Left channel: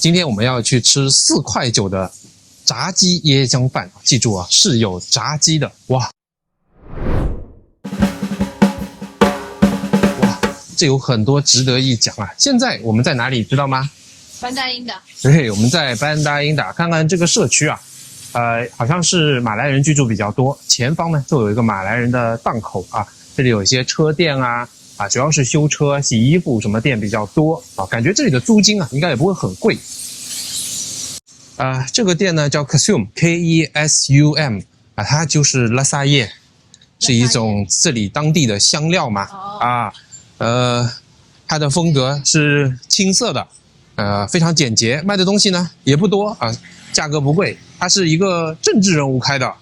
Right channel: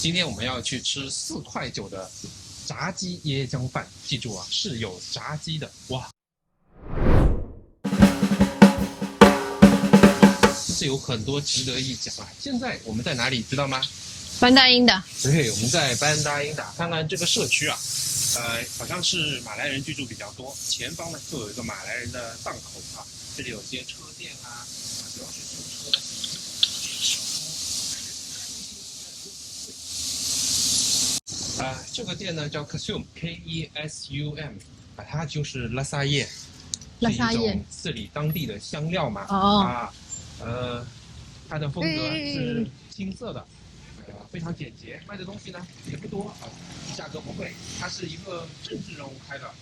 今天我们要去吃4块9的炸鸡椰浆饭，记住啊，是有炸鸡的。哇，这有很多值得一讲啊！现在我们在哪里，知道吗？班达因达。对，我们在班达因达，看看这个社区啊，好像是马来人居住比较多。前方呢，就有一个马来人的档口啊，这里有一些车店啊，主要是修车、洗衣服什么店比较多啊。感觉这里的租金啊，应该也不会很贵。这个店呢叫 Kesum K-E-S-U-M 啊，它就是拉萨叶，是一种这里当地的香料嘛。它的风格是青色的，非常简洁，卖的东西呢也不多啊，价格不贵。它是一个政治人物开的，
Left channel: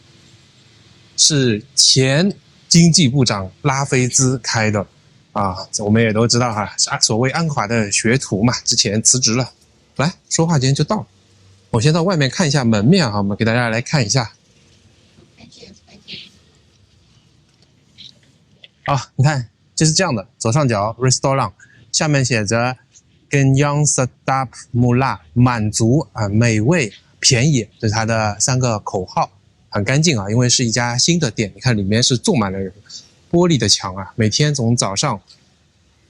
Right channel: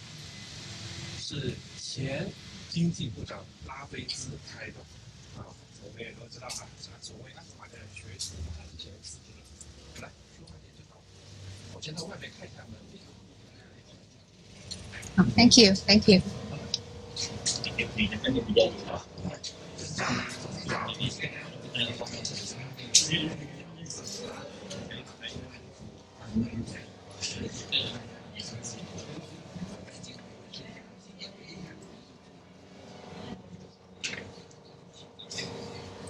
是前经济部长拉菲兹开的啊，我们也都知道哈，所谓安华的学徒嘛，之前辞职了。来，说话间就到了。我先到外面看一下门面啊，我们给大家来看一下。Thank you, thank you。你看，就是这样的，左上角 Restaurant， 下面写着 Kenyang Sedap Murah， 满足美味便宜，这是它的3个口号，很干净啊，因为是一家新的店，你看里面是坐满了人，玻璃的墙啊，每天从早上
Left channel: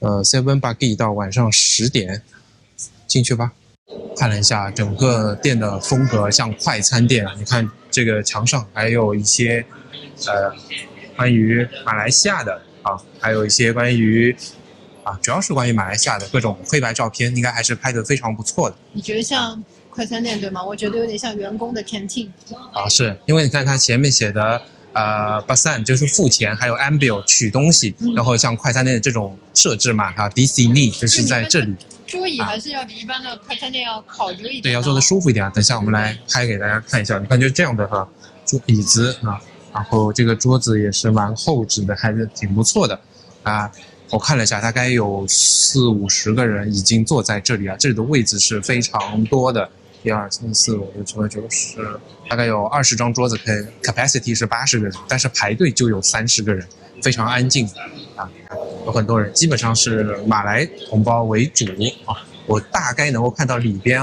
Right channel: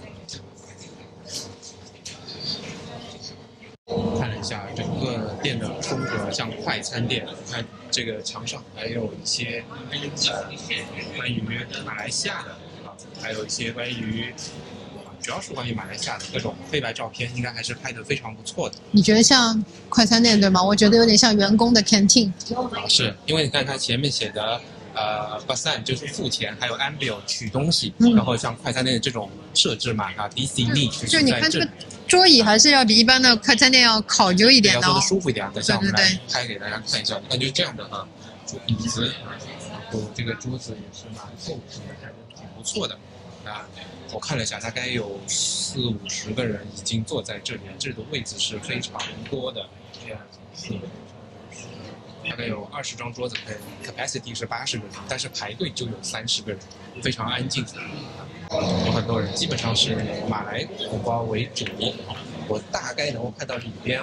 7 pagi 到晚上10点，进去吧。看了一下整个店的风格，像快餐店啊，你看这个墙上还有一些关于马来西亚的还有一些关于主要是关于马来西亚的各种黑白照片，应该还是拍得非常不错的。你觉得像快餐店对吗？我觉得有点像员工的 canteen。是因为你看它前面写的Basan 就是付钱，还有 Ambil 取东西，然后像快餐店的这种设置嘛，di sini 就是在这里。桌椅还是要比一般的快餐店要考究一点的，要坐得舒服一点。等一下我们来拍给大家看一下，你看就这样的椅子然后这个桌子也是蛮厚实的，还是挺不错的我看了一下，大概有40-50个人已经坐在这里这里的位置是非常多的。1、2、3、4、5、6、7、8、9、10，大概有20张桌子，capacity 是80个人，但是排队就有30个人，非常安静有很多人，基本上是马来同胞为主我大概能够看到里边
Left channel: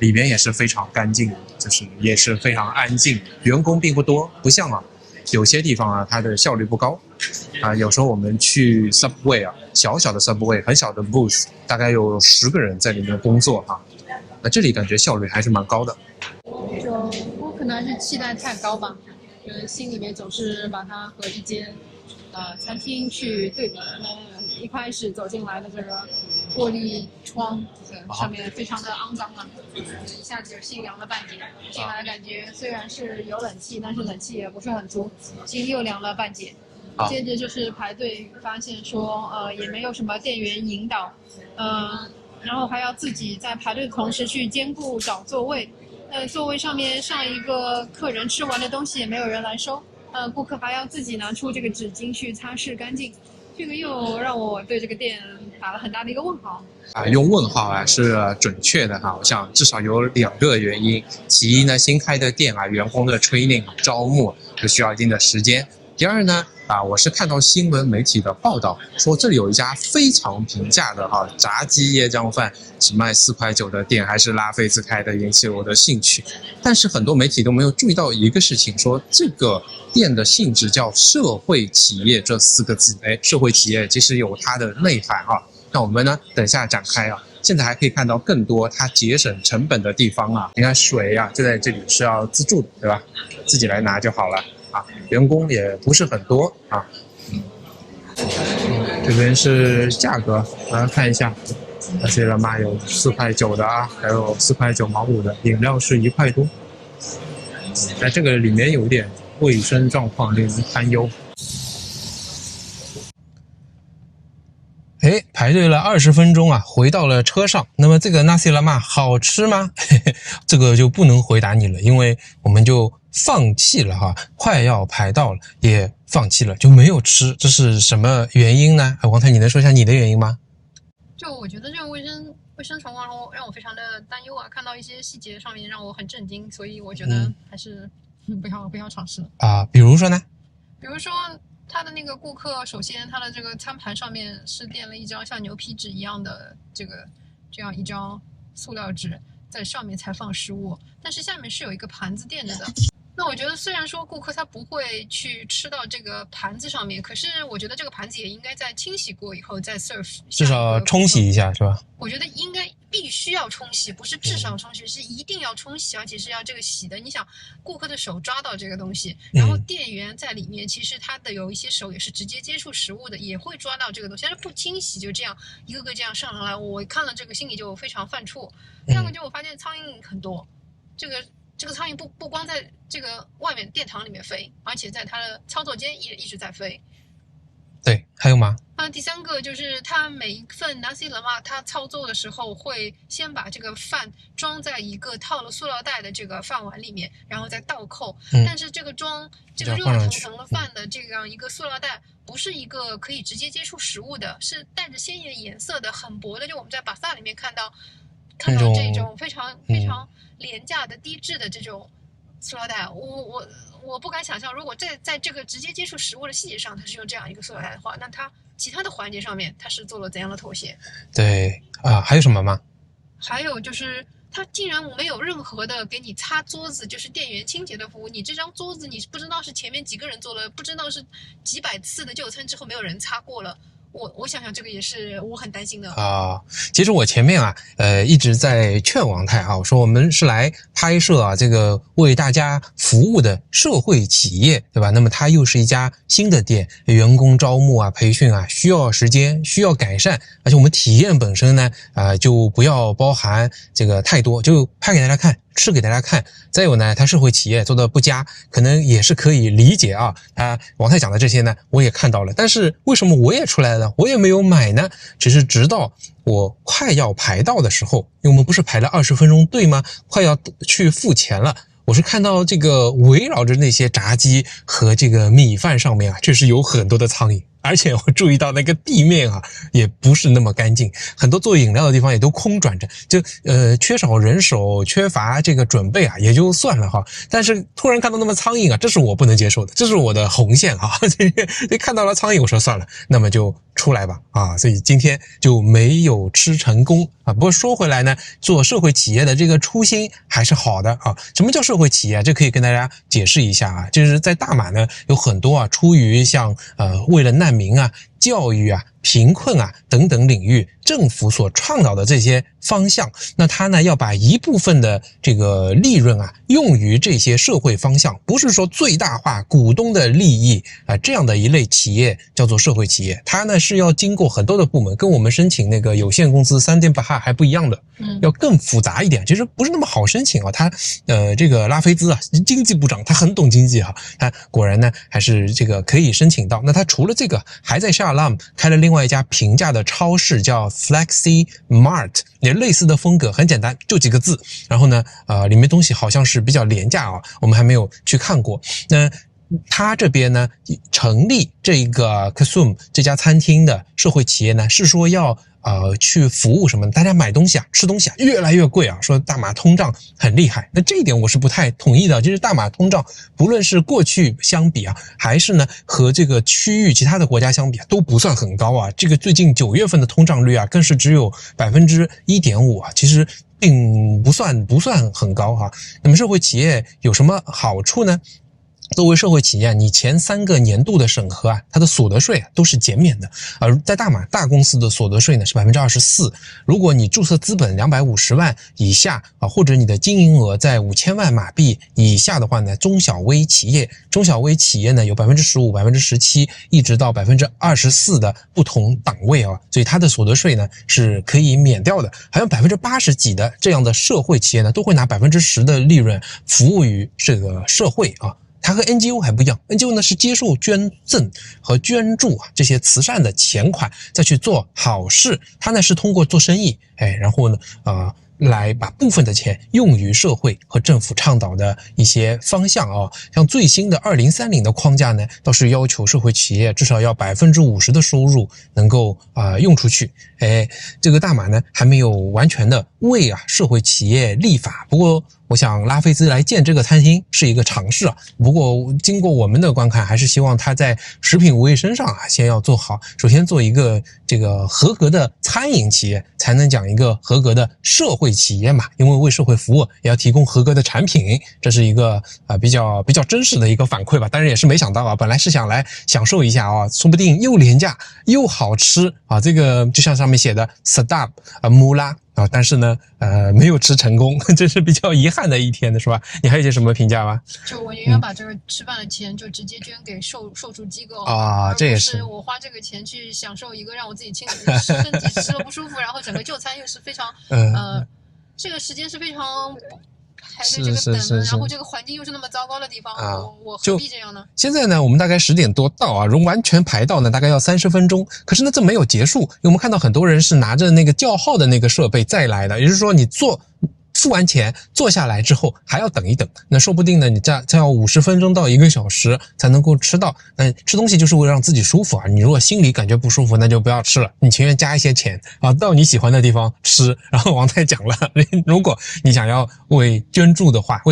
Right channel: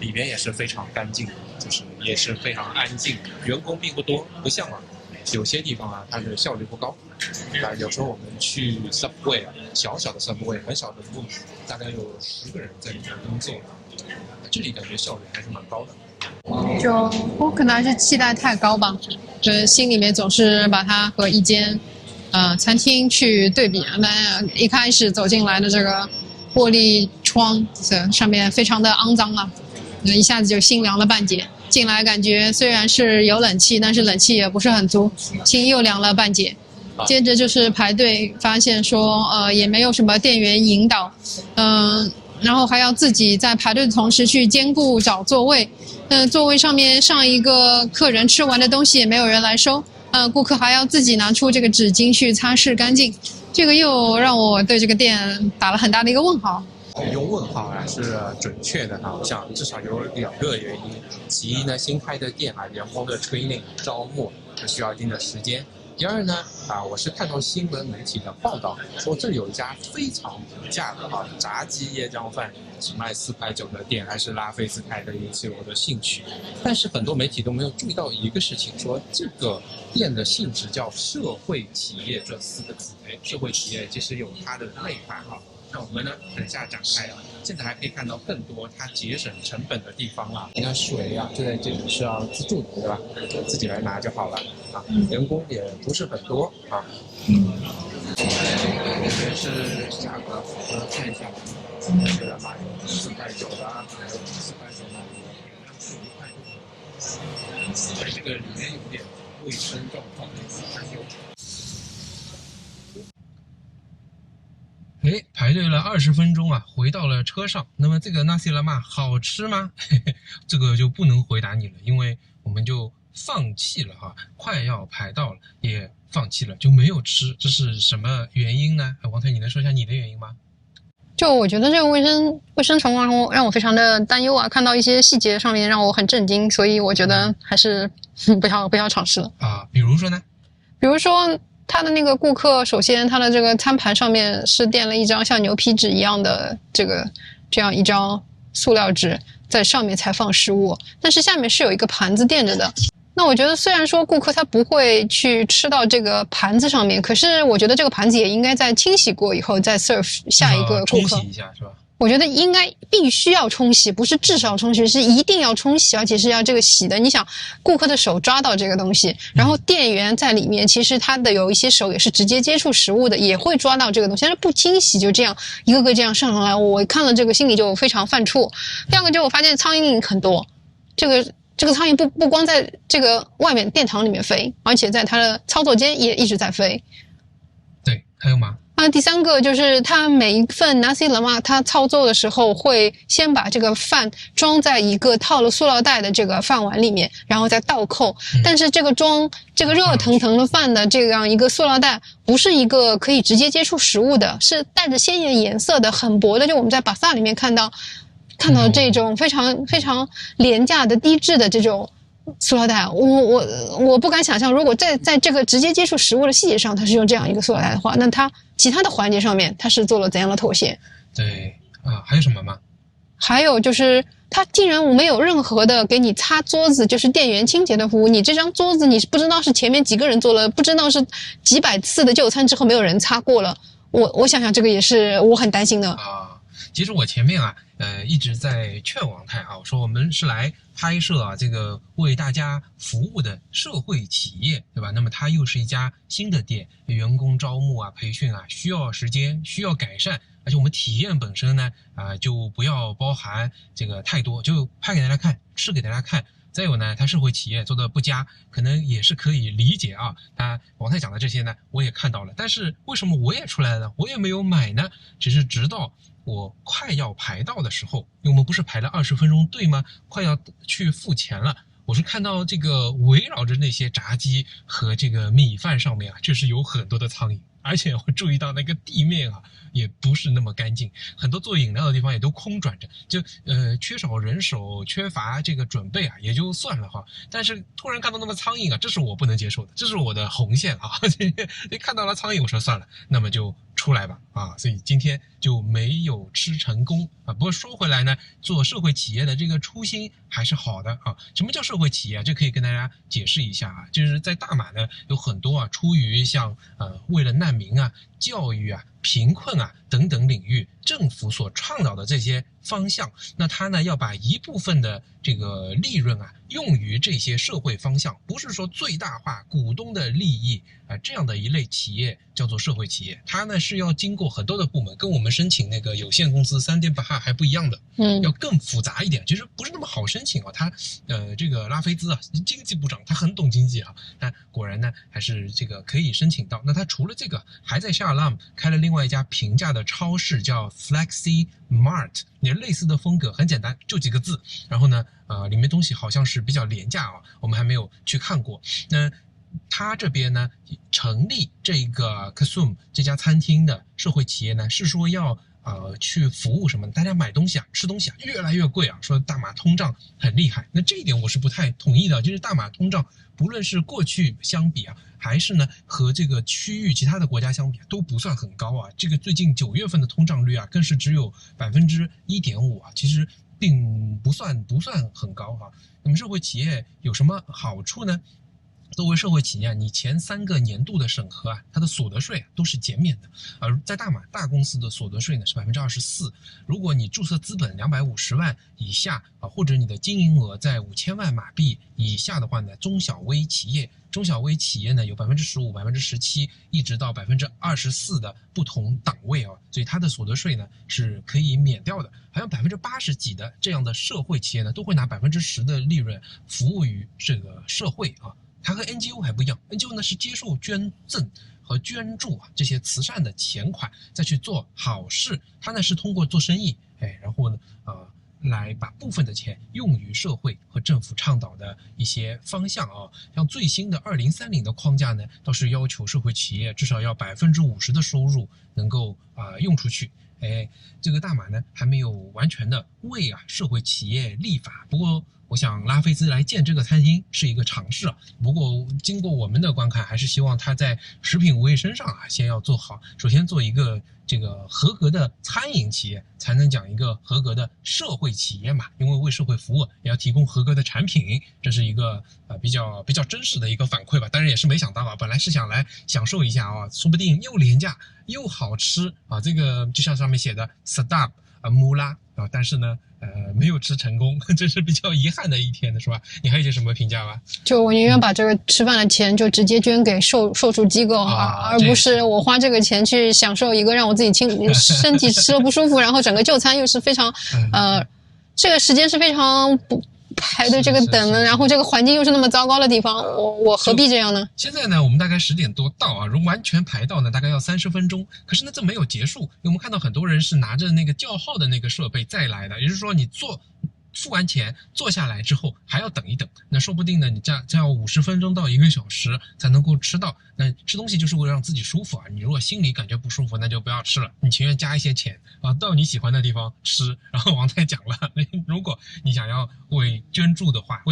里边也是非常干净的，就是也是非常安静，员工并不多，不像有些地方它的效率不高有时候我们去 Subway 小小的 Subway 很小的 booth， 大概有10个人在里面工作那这里感觉效率还是蛮高的。就我可能还是期待太高吧，就是心里面总是把它和一间餐厅去对比。那一开始走进来的这个玻璃窗上面非常的肮脏一下子就心凉了半截。进来感觉虽然是有冷气，但是冷气也不是很足，心又凉了半截。接着就是排队，发现说也没有什么店员引导，然后还要自己在排队的同时去兼顾找座位，座位上面上一个客人吃完的东西也没有人来收，顾客还要自己拿出这个纸巾去擦拭干净，这个又让我对这个店打了很大的一个问号。用问号是准确的我想至少有2个原因。其一呢，新开的店员工的 training 招募就需要一定的时间。第二呢，我是看到新闻媒体的报道说这里有一家非常平价的炸鸡椰浆饭，只卖4块9的店，还是拉菲兹开的，引起了我的兴趣。但是很多媒体都没有注意到一个事情，说这个店的性质叫社会企业这4个字。社会企业其实有它的内涵那我们呢，等一下展开现在还可以看到更多它节省成本的地方你看水就在这里是要自助的，对吧？自己来拿就好了员工也不是很多这边是价格，大家看一下，这了嘛，有4块9的还有4块9毛5的，饮料是1块多。这个里面有点卫生状况令人堪忧。排队了20分钟回到了车上。那么这个 Nasi Lemak 好吃吗？这个就不能回答你了，因为我们就放弃了快要排到了也放弃了，就没有吃。这是什么原因呢？王太，你能说一下你的原因吗？就我觉得这个卫生情况让我非常的担忧看到一些细节上面让我很震惊，所以我觉得还是不要尝试了比如说呢？比如说他的那个顾客，首先他的这个餐盘上面是垫了一张像牛皮纸一样的这样一张塑料纸，在上面才放食物，但是下面是有一个盘子垫着的。那我觉得虽然说顾客他不会去吃到这个盘子上面，可是我觉得这个盘子也应该在清洗过以后再 serve 下一个顾客。冲洗一下是吧？我觉得应该必须要冲洗，不是至少冲洗，是一定要冲洗，而且是要这个洗的。你想，顾客的手抓到这个东西，然后店员在里面，其实他的有一些手也是直接接触食物的，也会抓到这个东西，但是不清洗就这样一个个这样上来，我看了这个心里就非常犯怵。第二个就我发现苍蝇很多，这个苍蝇不光在这个外面殿堂里面飞，而且在它的操作间也一直在飞。对，还有吗？第三个就是它每一份 nasi lemak 它操作的时候会先把这个饭装在一个套了塑料袋的这个饭碗里面，然后再倒扣。但是这个装这个热腾腾的饭的这样一个塑料袋不是一个可以直接接触食物的，是带着鲜艳颜色的，很薄的，就我们在巴萨里面看到这种非常非常廉价的低质的这种塑料袋，我不敢想象，如果在这个直接接触食物的细节上，它是用这样一个塑料袋的话，那它其他的环节上面它是做了怎样的妥协？对啊，还有什么吗？还有就是它竟然没有任何的给你擦桌子，就是店员清洁的服务。你这张桌子你不知道是前面几个人做了，不知道是几百次的就餐之后没有人擦过了。我想想，这个也是我很担心的啊。其实我前面一直在劝王太我说我们是来拍摄这个为大家服务的社会企业，对吧？那么它又是一家新的店，员工招募培训需要时间，需要改善，而且我们体验本身呢就不要包含这个太多，就拍给大家看，吃给大家看。再有呢，它社会企业做的不佳，可能也是可以理解王太讲的这些呢，我也看到了，但是为什么我也出来了呢？我也没有买呢？只是直到我快要排到的时候，因为我们不是排了20分钟队吗？快要去付钱了，我是看到这个围绕着那些炸鸡和这个米饭上面确实有很多的苍蝇。而且我注意到那个地面也不是那么干净，很多做饮料的地方也都空转着，就缺少人手，缺乏这个准备也就算了但是突然看到那么苍蝇这是我不能接受的，这是我的红线看到了苍蝇，我说算了，那么就出来吧所以今天就没有吃成功不过说回来呢，做社会企业的这个初心还是好的什么叫社会企业？这可以跟大家解释一下就是在大马呢有很多出于像为了难民教育贫困等等领域，政府所倡导的这些方向，那他呢要把一部分的这个利润用于这些社会方向，不是说最大化股东的利益这样的一类企业叫做社会企业。它呢是要经过很多的部门，跟我们申请那个有限公司3.8哈还不一样的，要更复杂一点，其实不是那么好申请他这个拉菲兹经济部长他很懂经济他果然呢还是这个可以申请到。那他除了这个还在夏拉姆开了另外一家平价的超市叫 Flexi Mart， 也类似的风格，很简单，就几个字。然后呢里面东西好像是比较廉价我们还没有去看过。那他这边呢成立这个 Kasum 这家餐厅的社会企业呢，是说要去服务什么？大家买东西吃东西越来越贵说大马通胀很厉害。那这一点我是不太同意的，就是大马通胀不论是过去相比还是呢和这个区域其他的国家相比都不算很高这个最近9月份的通胀率更是只有 1.5%其实并不算很高那么社会企业有什么好处呢？作为社会企业你前3个年度的审核它的所得税都是减免的。而在大马大公司的所得税呢是 24%， 如果你注册资本250万以下或者你的经营额在5000万马币以下的话呢，中小微企业呢有 15%、17%一直到 24% 的不同档位所以它的所得税呢是可以免掉的。还有80%几的这样的社会企业呢都会拿 10% 的利润服务于这个社会它和 NGO 还不一样， NGO 呢是接受捐赠和捐助这些慈善的钱款再去做好事，它呢是通过做生意然后呢来把部分的钱用于社会和政府倡导的一些方向像最新的2030的框架呢倒是要求社会企业至少要 50% 的收入能够用出去这个大马呢还没有完全的为社会企业立法，不过我想拉菲兹来建这个餐厅是一个尝试不过经过我们的观看，还是希望他在食品卫生上先要做好，首先做一个这个合格的餐饮企业，才能讲一个合格的社会企业嘛，因为为社会服务也要提供合格的产品，这是一个比较真实的一个反馈吧。当然也是没想到本来是想来享受一下说不定又廉价又好吃这个就像上面写的 Sedap Murah但是呢没有吃成功，这是比较遗憾的一天的是吧？你还有些什么评价吗？就我宁愿把这个吃饭的钱就直接捐给受助机构而不是我花这个钱去享受一个让我自己身体吃了不舒服，然后整个就餐又是非常这个时间是非常排的这个等的，然后这个环境又是那么糟糕的地方，我何必这样呢？现在呢，我们大概10点多到如果完全排到呢，大概要30分钟。可是呢，这没有结束，因为我们看到很多人是拿着那个叫号的那个设备再来的，也就是说你付完钱坐下来之后还要等一等，那说不定呢你再要50分钟到1个小时才能够吃到。吃东西就是为了让自己舒服你如果心里感觉不舒服，那就不要吃了，你情愿加一些钱到你喜欢的地方吃。然后王太讲了，如果你想要为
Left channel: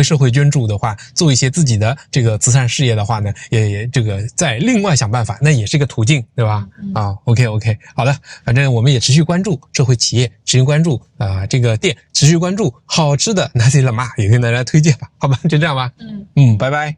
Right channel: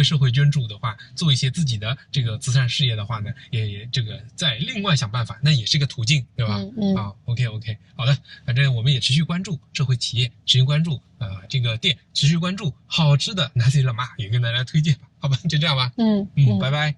社会捐助的话，做一些自己的这个慈善事业的话呢，也这个再另外想办法，那也是一个途径，对吧？OK 好的，反正我们也持续关注社会企业，持续关注这个店，持续关注好吃的 Nasi Lemak 也跟大家推荐吧，好吧，就这样吧。拜拜。